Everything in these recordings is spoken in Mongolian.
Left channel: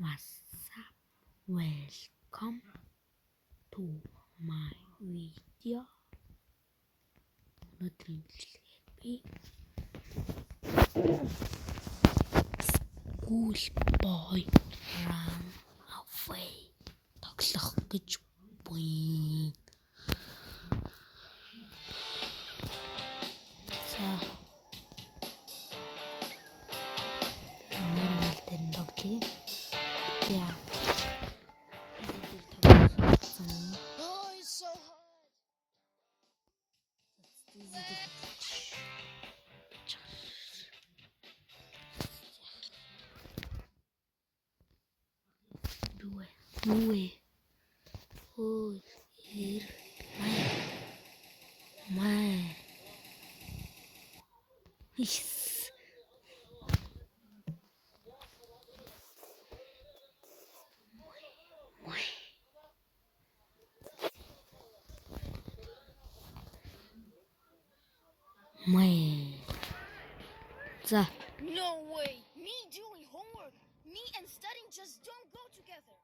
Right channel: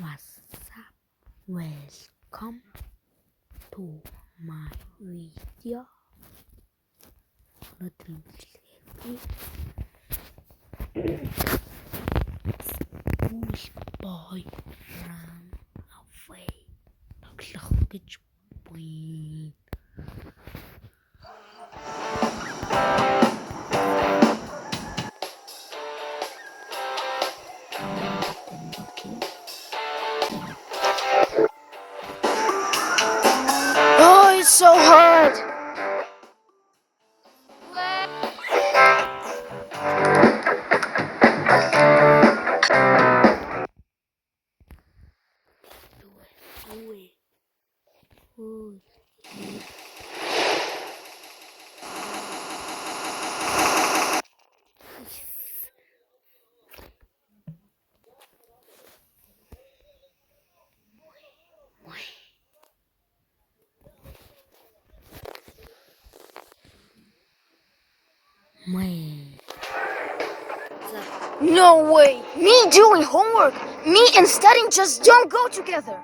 What's up? Welcome to my video. Өнөөдрийн бичлэгээр би Schoolboy Run Away тоглох гэж буй. Oh, it's so hard. Louie. Oh, here. Yes. No way. Me doing homework, me and studying just don't go together.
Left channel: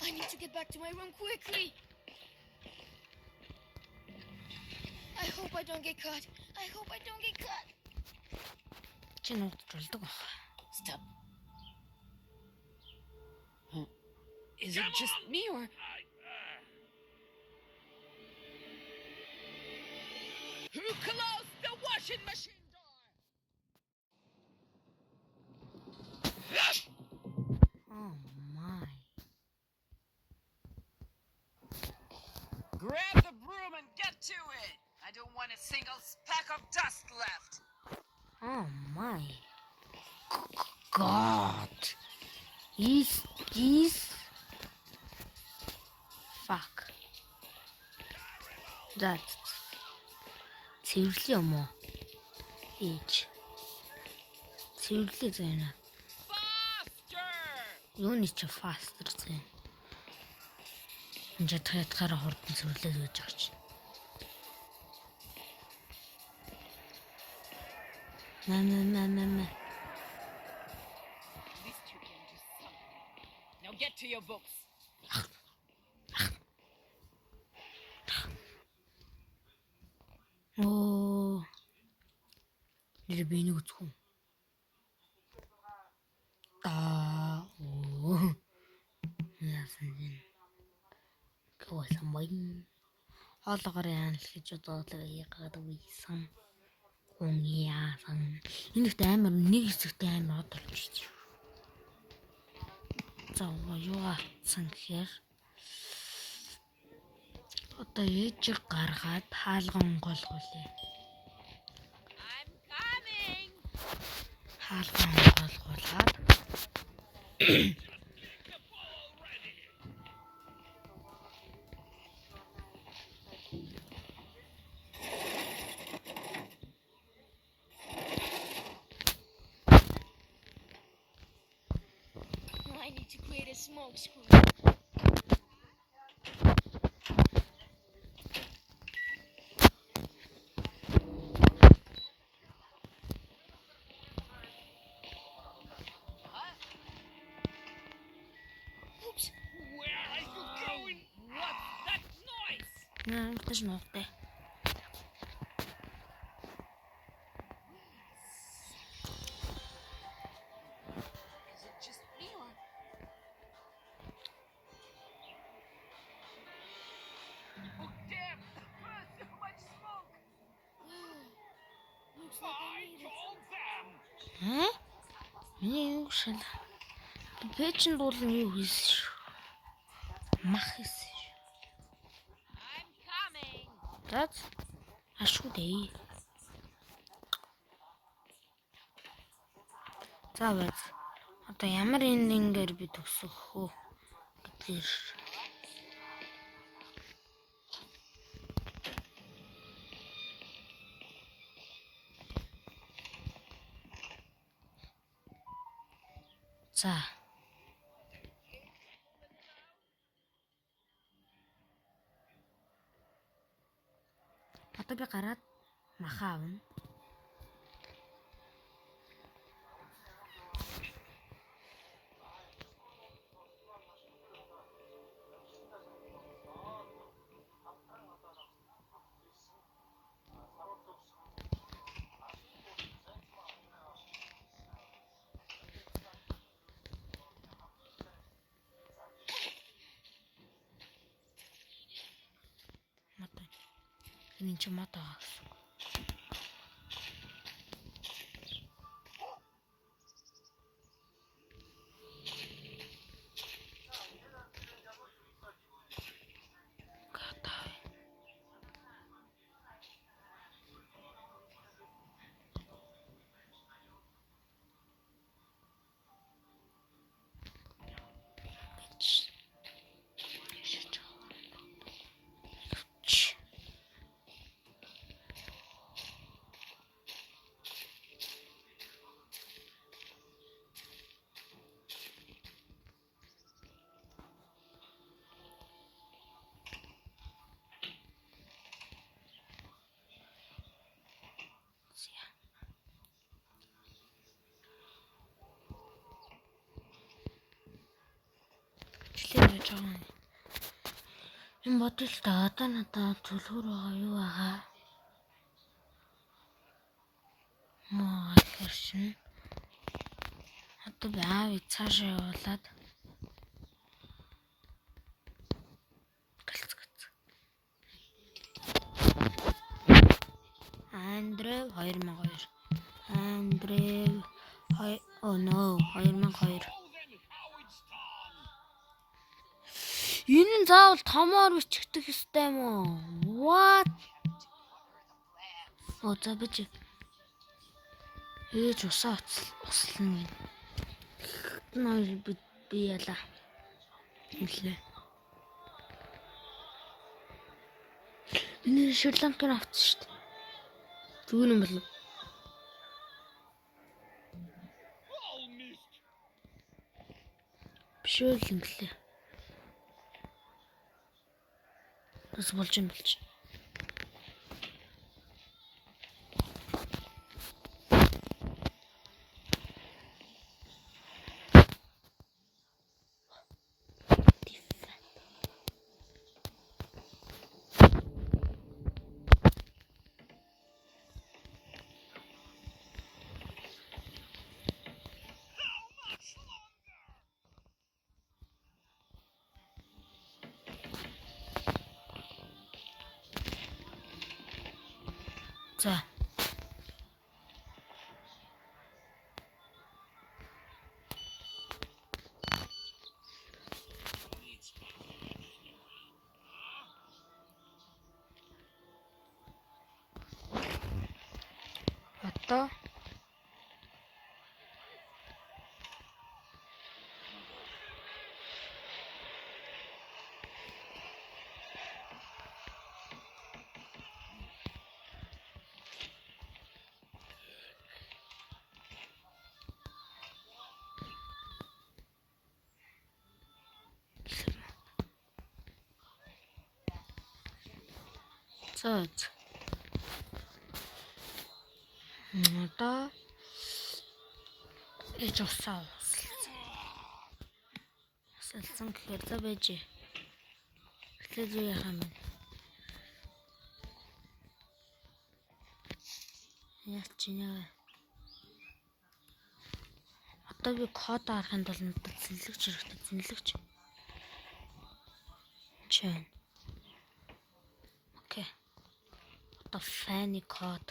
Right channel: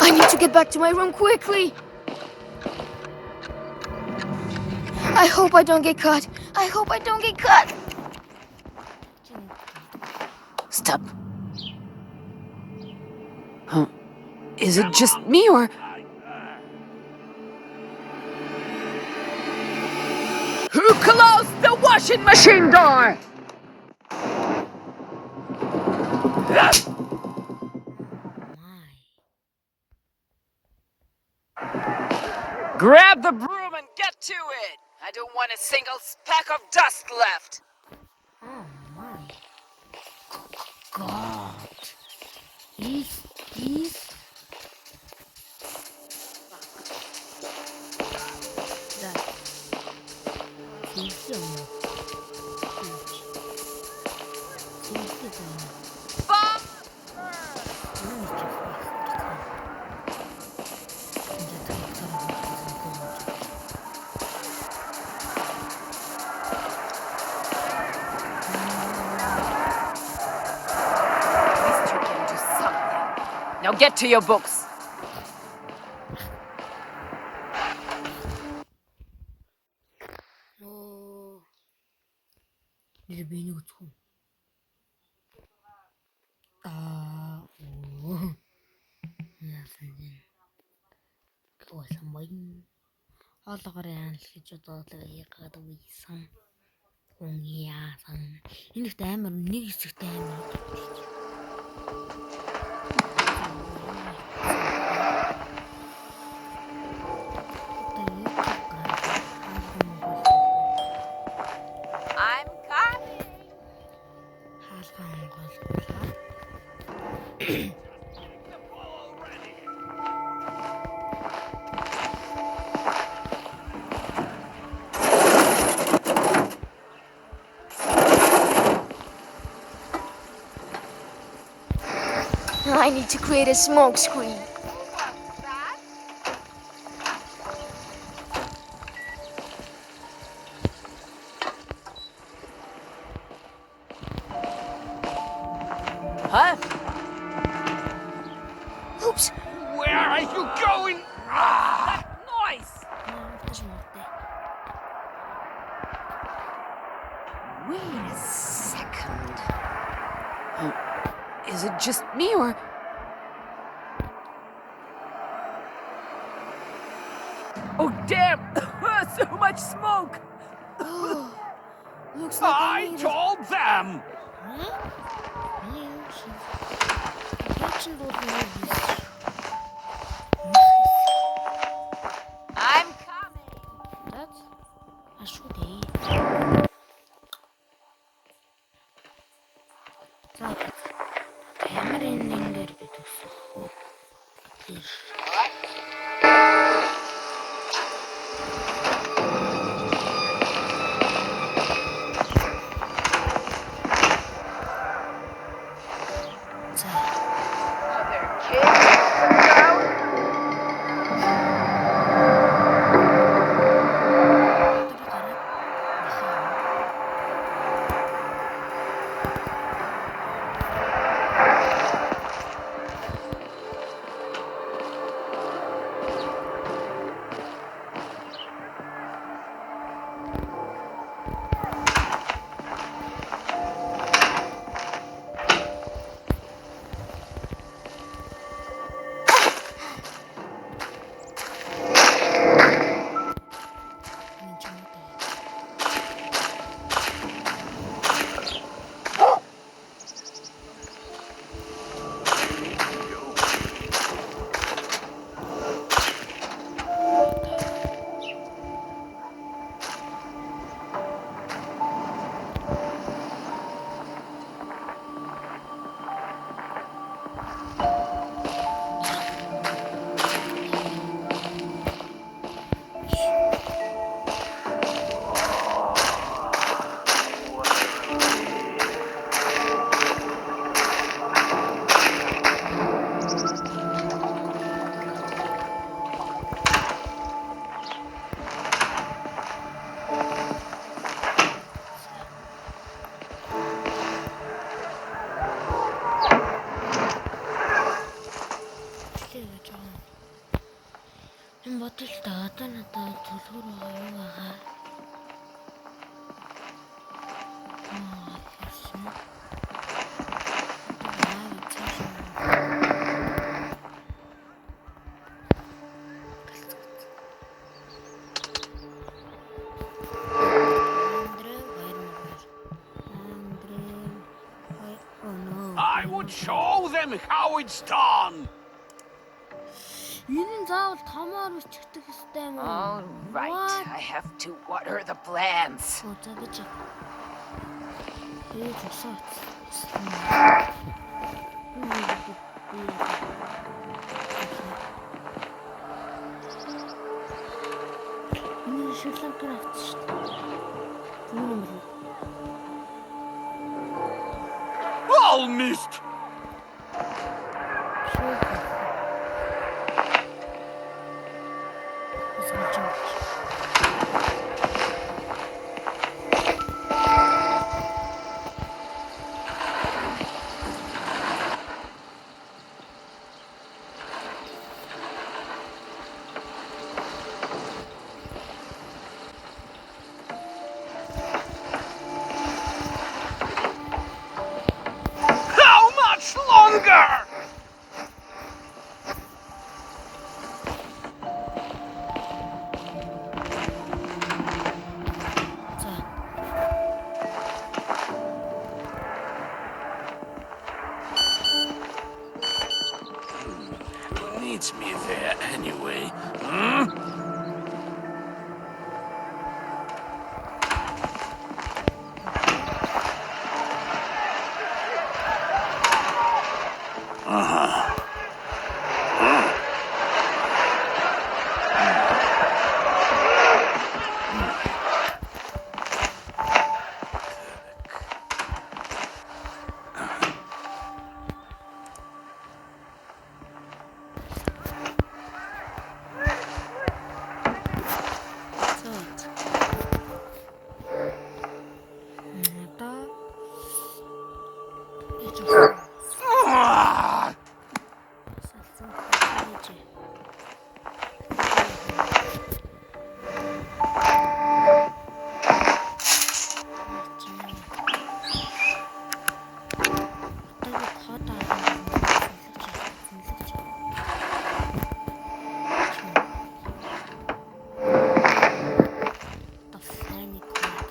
I need to get back to my room quickly. I hope I don't get caught. I hope I don't get caught. Stop. Huh? Is it just me or... Who closed the washing machine door? Grab the broom and get to it! I don't want a single speck of dust left! Oh my God. Is this... Fuck. That. Seriously mo? Bitch. Seriously tayo. Faster! Yun is too faster tayo. Hindi tayo tarahon ko sa mga church. Now get to your books. Oh, ini lebih ini kucing. Oh, ya saja. Kau samain. Hal tak real kita lagi kata wisam. Kungia sang. Ini timer, ini timer terus. Jangan sampai. Oke, cakar hal mongol. I'm coming! Hal mongol. I need to create a smoke screen. Huh? Oops. Where are you going? That noise! Też mogę. Wait a second. Is it just me or... Oh, damn! So much smoke! Looks like I told them! Huh? Миний юу шиг. Пэйжэнд бол юу хийсэн. I'm coming! That's ашгүй дээ. За бат. Одоо ямар эндингээр би төгсөх вэ? Гэтэл за Are there kids around? одоо би гараад нахаа. Энэ ч юм уу таа. Энэ бодолтой одоо надад төлхөр байгаа юу байгаа? Хэршин. Одоо яав цаашаа явуулаа. Галцгац. Андрей 2002. Андрей oh no. I would show them how it's done! Энэ заавал томоор бичихдэх ёстой юм уу? All right, What? I have to water the plants. Оо за бич. Ээж усаац. Услана. Би яа. Эхлээ. Энэ Шри-Ланкаар авчихсан шүү дээ. Зүгээр юм бол. All missed! Шри-Ланка. Бас болж юм болж. How much longer? За. Who needs me there anyway? Hmm? За. Одоо ээж авсан. Салсан хавж. би код арахын зэнлэгч. Чи. The funny code.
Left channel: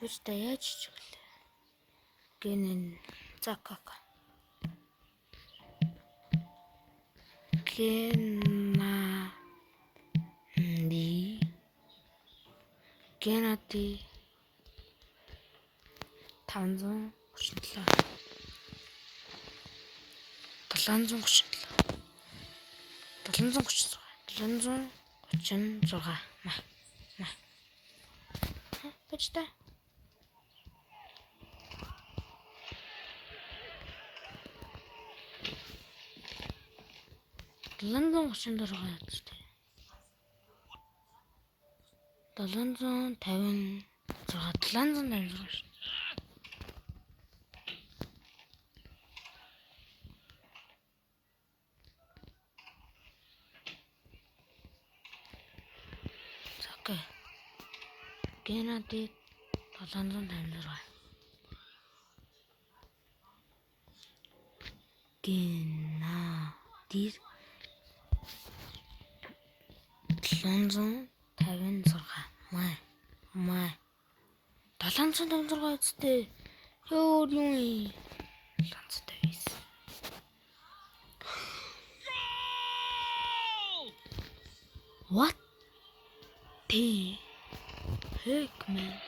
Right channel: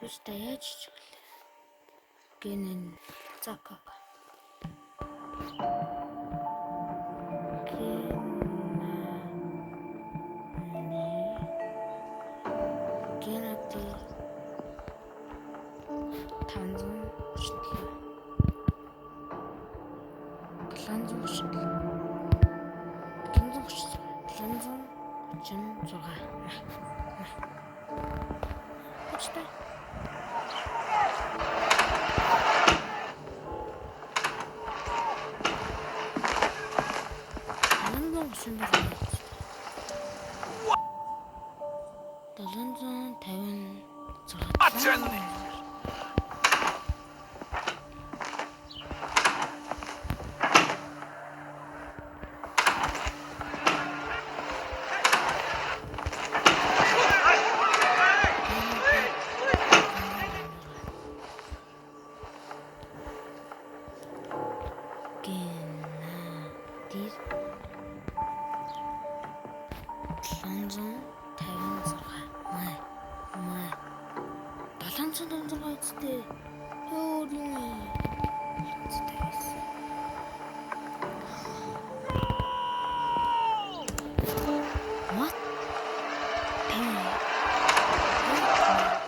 Юуста яаж ч гэлээ. Гэнэн закака. Генати 500 37 736 почта Таландан 756 Дир 756 май 756 үстэй өөр юм 756 What? Тэр 756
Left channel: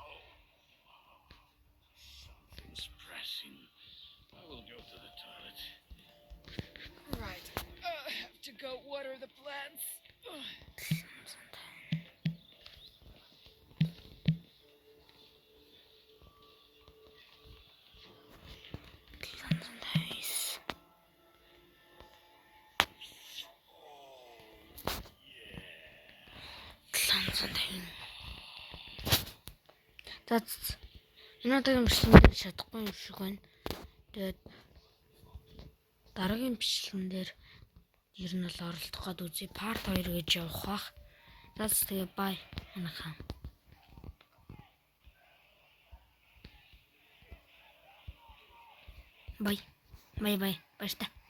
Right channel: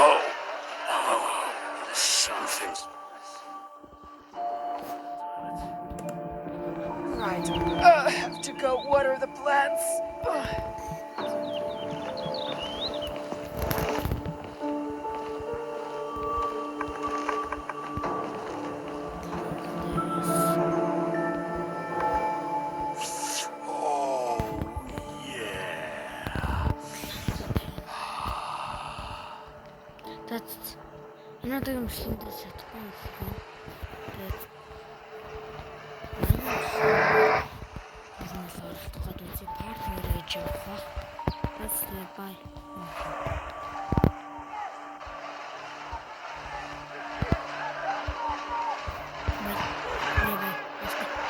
Oh, something's pressing. Right. I have to go water the plants. Oh, yeah. That's энэдэг машинд чадахгүй юм шиг байна. Тэгээд дараагийн машинд ер нь л оролдох гээд үзье. Part 2 гэж явах бах. That's тэгээд bye. Bye. Bye.